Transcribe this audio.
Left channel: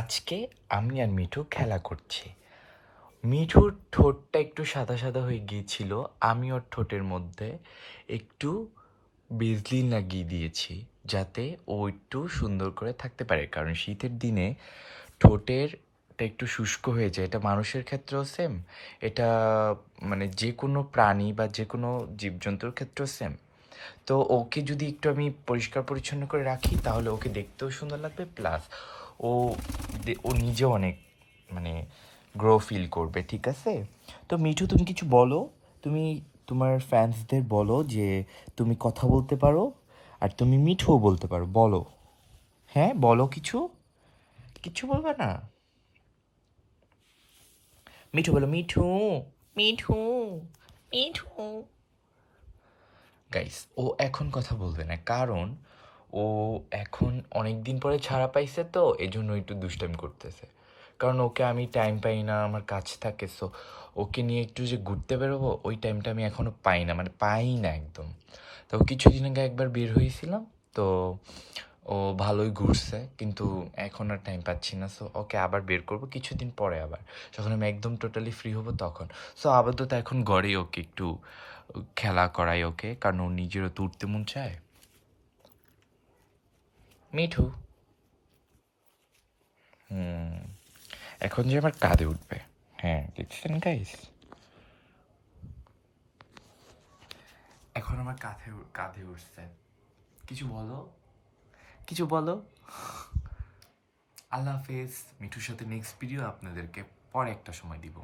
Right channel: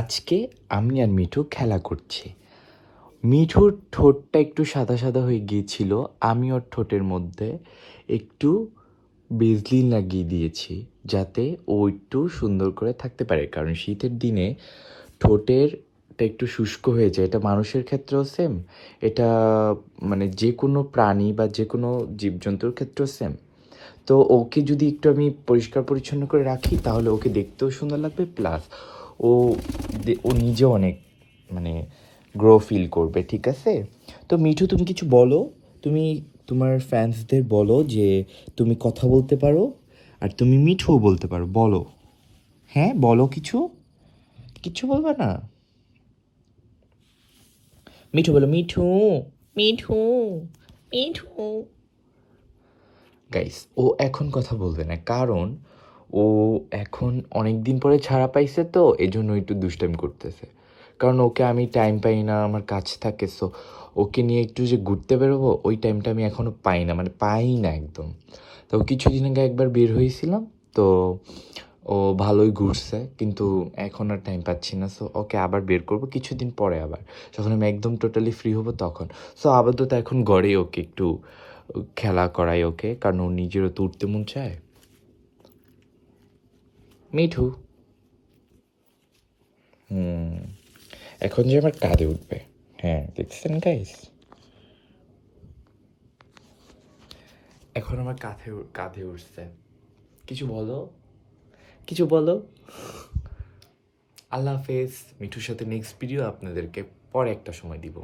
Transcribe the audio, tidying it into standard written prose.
আজকে আমি আর মিঠু খেলা করছি। মিঠুর ঠোঁটটা একটু সাদা সাদা হয়ে গিয়েছিল, আমি ওর ঠোঁটের মধ্যে একটু বেসলিন লাগিয়ে দিয়েছি যাতে ও একটু সুন্দর করে থাকতে পারে, কারণ শীতের দিনে ঠোঁটেরটা একটু শুষ্ক হয়ে যায়। এটা মানুষের ক্ষেত্রেও সেম, এটা মানে যে কোনো প্রাণী বা যে কোনো জীবজন্তুর ক্ষেত্রেও সেম। তো ওকে যদি একটু আমি পরিষ্কার পরিচ্ছন্ন করে রাখি তাহলে ওকে দেখতেও সুন্দর লাগবে, প্লাস ও ও নিজেও অনেক মানে গ্রো ফিল করবে। ঠিক আছে, তো মিঠু তুমি কিছু বলো, তুমি তোমার ফ্যান্সদের বলো যে তুমি কথা বলতে পারো আর তুমি মিঠুও বলতে পারো, বলো। হ্যাঁ বলো, কিছু কিছু বলবে না? মিঠু বলো, মিঠু মিঠু মিঠু। গাইস, ও এখন কথা বলবে না, কারণ ও এখন অনেক দিন পরে ছাড়া পাইছে, তো এজন্য একটু দুষ্টামি করতেছে। কারণ ওকে আমি টাইম পাই না, আমার কাজ থাকে। সো ওকে নিয়ে একটু যে ঘুরতে বেরোবো ওই টাইমটা আমি এখনও পাই না, মানে পাই না একদম। তো কিছুদিন আগে একবার বের হয়েছিলাম, তো ও ভালোই ঘুরছে, কিন্তু এখন আর টাইম পাচ্ছি না। সো ওকে আবার বের করবো কিছুদিন পরে, আবার যখন আমি একদম টোটালি ফ্রি হব তখন। সো আপাতত এখন ঘরেই ওকে একটু খেলা করাই ওকে, কারণ ও নিজেরও তো উঠতে মন চায়। মিঠু এখন যে আমার কাঁধে উঠবে। হ্যাঁ দেখছেন গাইস, এখন আমার কাঁধে কাঁধে উঠছে। কিছু বলো, কিছু বলো। আল্লাহ হাফেজ। মিঠুর সাথে নেক্সট ভিডিও আপনাদেরকে পরে একটা সময় দিব।